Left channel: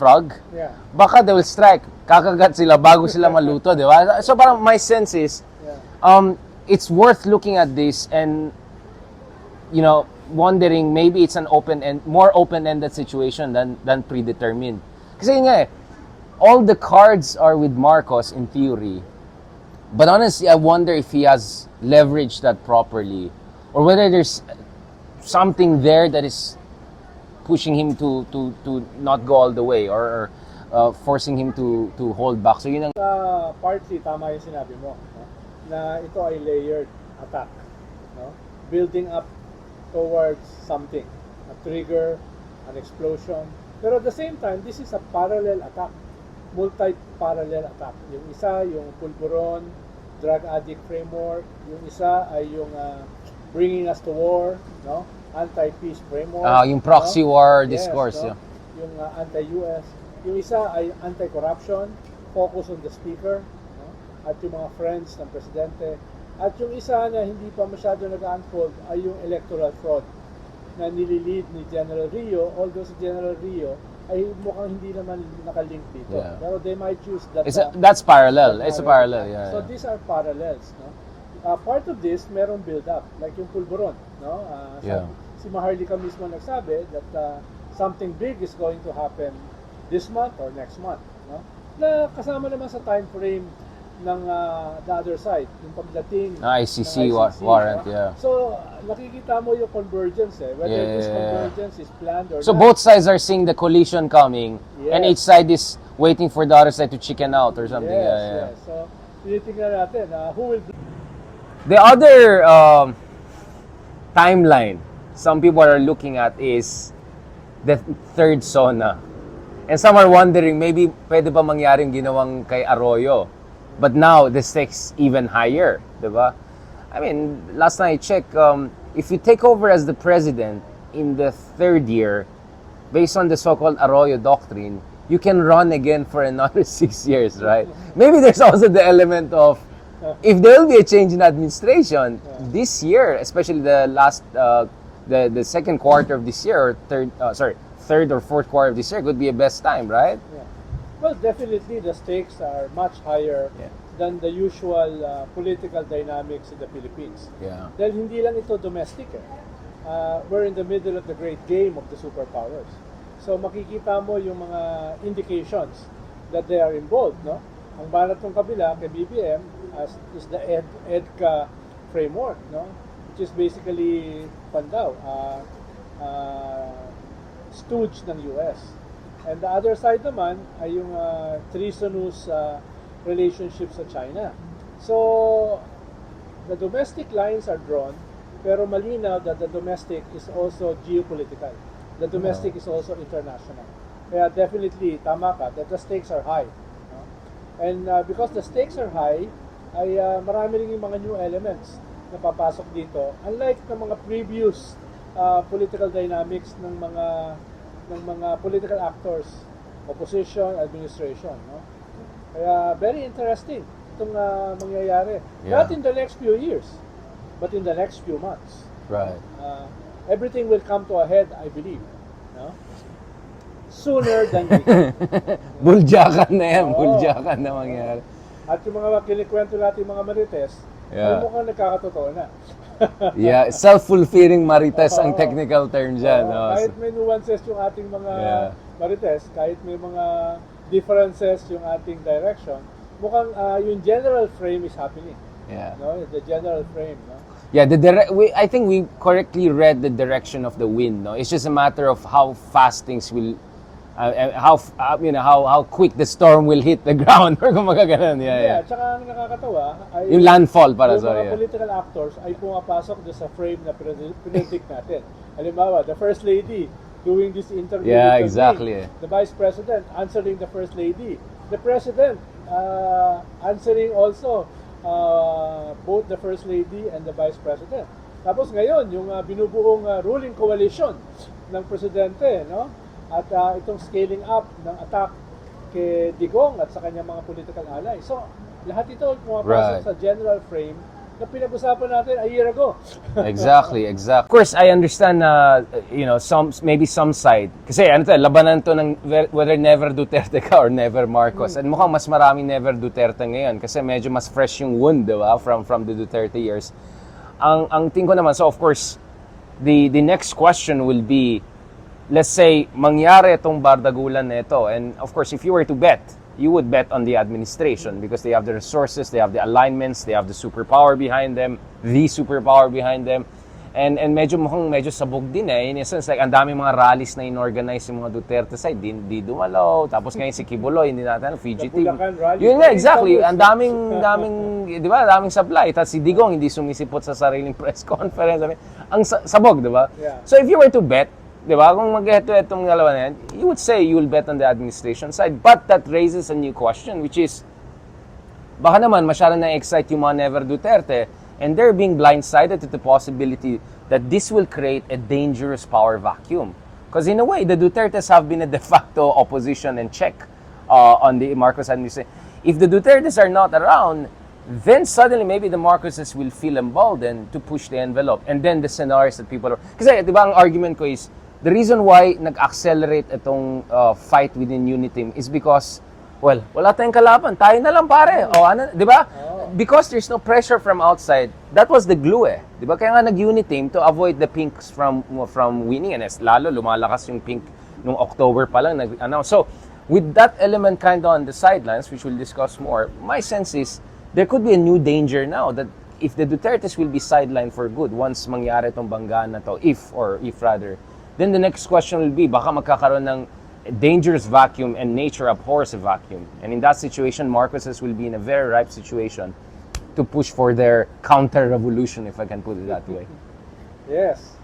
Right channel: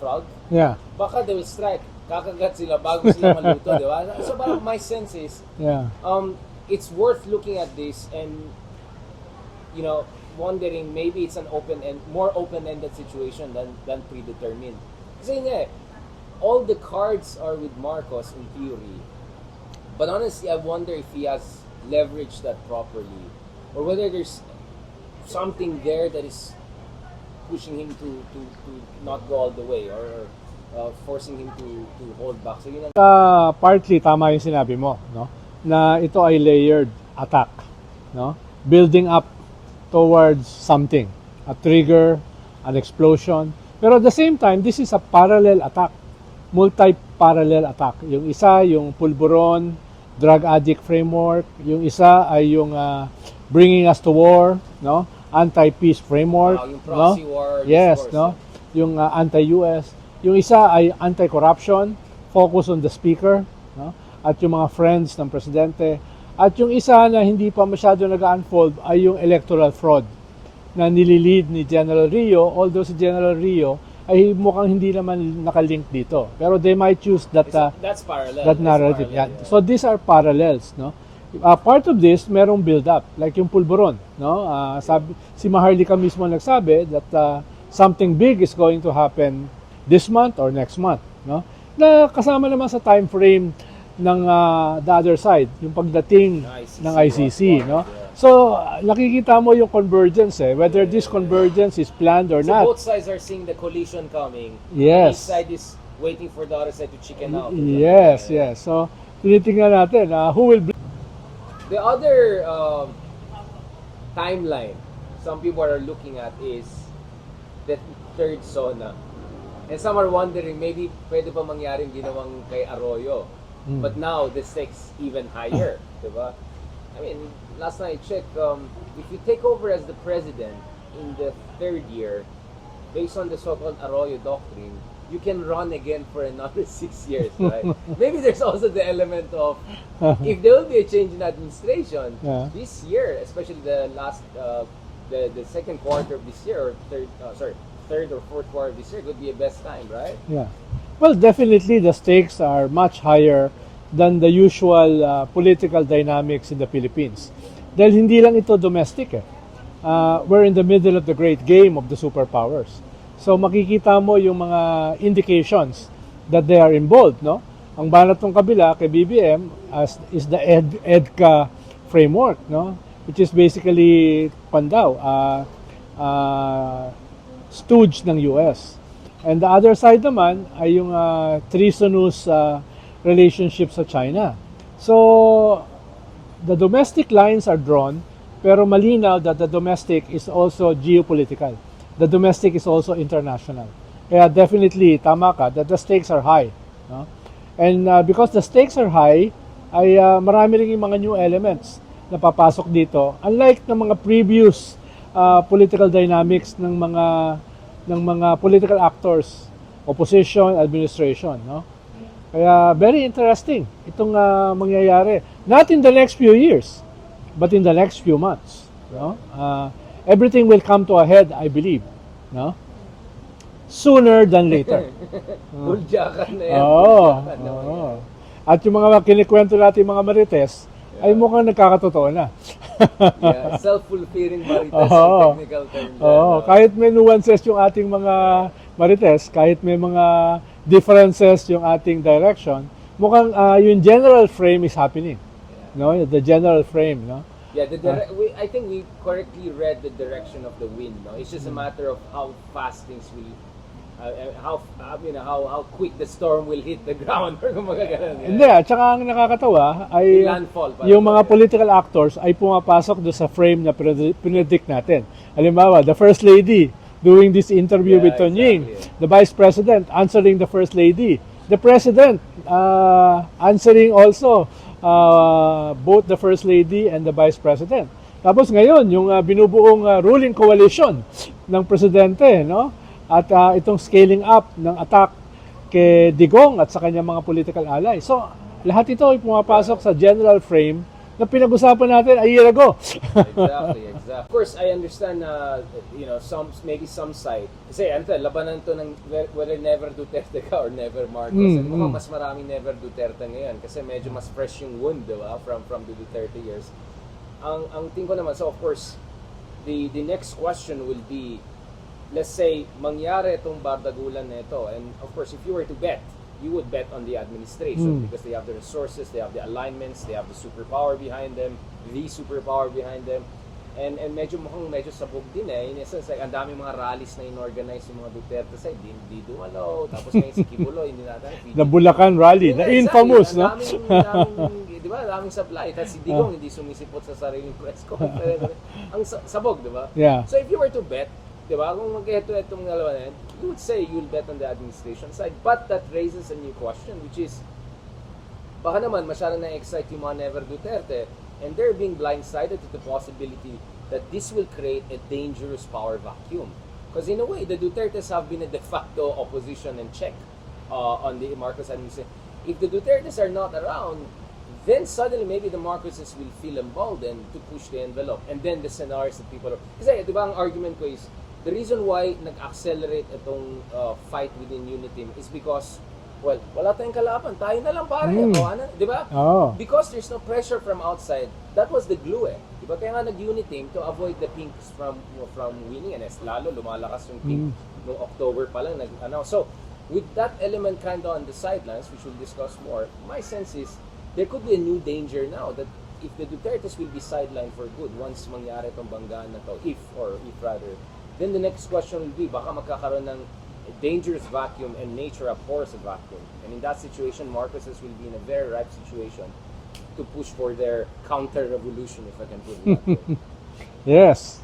frog, baka they will strike. Kakagat sila bago sila maluto, di ba? So parang my sense is, it's worth looking at this and, you know, wondering maybe it's an more open-ended situation than predetermined. Kasi nga all the cards are with Marcos in theory. But honestly, I wonder if he has leveraged that properly or whether there's something there that is pushing him to not go all the way or forcing him to hold back. So yun ang partly tama yung sinabi mo, no? Na ito ay layered attack, no? Building up towards something, a trigger, an explosion. Pero at the same time, this is a parallel attack, multi-parallel attack. Yung isa, yung pulburon, drug addict framework. Yung isa ay yung bringing us to war, no? Anti-peace framework. Yung proxy war discourse. No? Yung anti-US. Yung isa ay anti-corruption, focus on the speaker, no? At yung mga friends ng presidente. At yung isa na hindi pa masyado nag-unfold ay yung electoral fraud na nililid ni General Rio, although si General Rio ay mukhang hindi naman nakalink dito. Pero they might choose that that's parallel. It's parallel. Yeah. So these are parallels, no? Part of this merong build up, like yung pulburon, no? Si Maharlika mismo nagsabi that something big is going to happen this month or next month, no? Na kasama naman sa time frame ng the other side, yung pagdating ng ICC, warrant, no? So nakikita mo yung convergence whether this convergence is planned or not. So both sides are seeing the collision coming, and each side is waiting for the other side to chicken out or something. Yes. So tinitingnan natin who will be. The other timeline some people are looking at is the third SONA. And some are wondering, maybe pwede ba mangyaring ginawang kay Arroyo? But now, the stakes even higher, diba? I mean, last night I checked, if you take over as the president in the third year, based on the so-called Arroyo doctrine, you can run again for another 6 years, right? Maybe there's also the element of, if there will be a change in administration, this year, especially the last, the second quarter of this year, or third or fourth quarter of this year could be a best time, right? Yeah. Well, definitely the stakes are much higher than the usual political dynamics in the Philippines. Dahil hindi lang ito domestic we're in the middle of the great game of the superpowers. So makikita mo yung mga indications that they are involved, no? Ang banat ng kabila kay BBM is the EDCA framework, no? Which is basically stooge ng US. And the other side naman ay yung treasonous relationship sa China. So the domestic lines are drawn, pero malinaw that the domestic is also geopolitical. The domestic is also international. Kaya definitely, tama ka, that the stakes are high. No? And because the stakes are high, ay marami rin yung mga new elements na papasok dito. Unlike ng mga previous political dynamics ng mga political actors, opposition, administration, no? Kaya very interesting itong mangyayari. Not in the next few years, but in the next few months. Right. No? Everything will come to a head, I believe, no? Sooner than later. Buljakan na yan, buljakan na mangyayari. At yung mga kinikwento natin mga marites, ay mukhang nagkakatotoo na. Self-fulfilling marites ang technical term dyan. Kahit may nuances yung ating mga marites, kahit may mga differences yung ating direction, mukhang yung general frame is happening. No, the general frame, no? Yeah, I think we correctly read the direction of the wind, no? It's just a matter of how fast things will how quick the storm will hit the ground or kung magaganon. Hindi, at saka ang nakakatawa ay yung landfall para yung mga political actors ay pumapasok do sa frame na predict natin. Halimbawa, the First Lady doing this interview with Tonying, the Vice President answering the First Lady, the President answering also both the First Lady and the Vice President. Tapos ngayon, yung binubuong ruling coalition ng presidente, no? At itong scaling up ng attack kay Digong at sa kanyang mga political allies. So, lahat ito ay pumapasok sa general frame na pinag-usapan natin a year ago. Exactly. Of course, I understand na, maybe some side. Kasi labanan to ng whether never Duterte ka or never Marcos. And mukhang mas maraming never Duterte ngayon kasi medyo mas fresh yung wound, di ba? From the Duterte years. Ang tingin ko naman, so of course, the next question will be, let's say, mangyari itong bardagulan na ito. And of course, if you were to bet, you would bet on the administration because they have the resources, they have the alignments, they have the superpower behind them, And medyo sabog din eh. In a sense, like, ang daming mga rallies na inorganize yung mga Duterte side, di dumalo. Tapos ngayon si Kibuloy, hindi natin, The Bulacan rally. Yun nga, The exactly. infamous, Ang daming, di ba, daming supply. Tapos si Digong hindi sumisipot sa sariling press conference. Ang sabog, di ba? Yeah. So if you were to bet, di ba, kung mag-head-to-head itong dalawa na yan, you would say you will bet on the administration side. But that raises a new question, which is, baka naman masyado na-excite yung mga never Duterte, and they're being blindsided to the possibility that this will create a dangerous power vacuum. Because in a way, the Dutertes have been a de facto opposition and check on the Marcos administration. If the Dutertes are not around, then suddenly maybe the Marcoses will feel emboldened to push the envelope. And then the scenarios that people are... Kasi di ba ang argument ko is, the reason why nag-accelerate itong fight within UNITEAM is because, well, wala tayong kalaban. Tayo na lang pare. O, di ba? Oh. Because there's no pressure from outside, that was the glue eh. Di ba? Kaya nga nag-UNITEAM to avoid the pinks from winning. And lalo, lumalakas yung pink nung October pa lang nag-announce. So, with that element kind of on the sidelines, which we'll discuss more, my sense is, there could be a new danger now that if the Dutertes will be sidelined for good once mangyari itong banggaan na to, if rather, then the next question will be, baka magkakaroon ng dangerous vacuum and nature abhors a vacuum. And in that situation, Marcoses will be in a very ripe situation to push for their counter-revolution, if I can put it that way. Yes.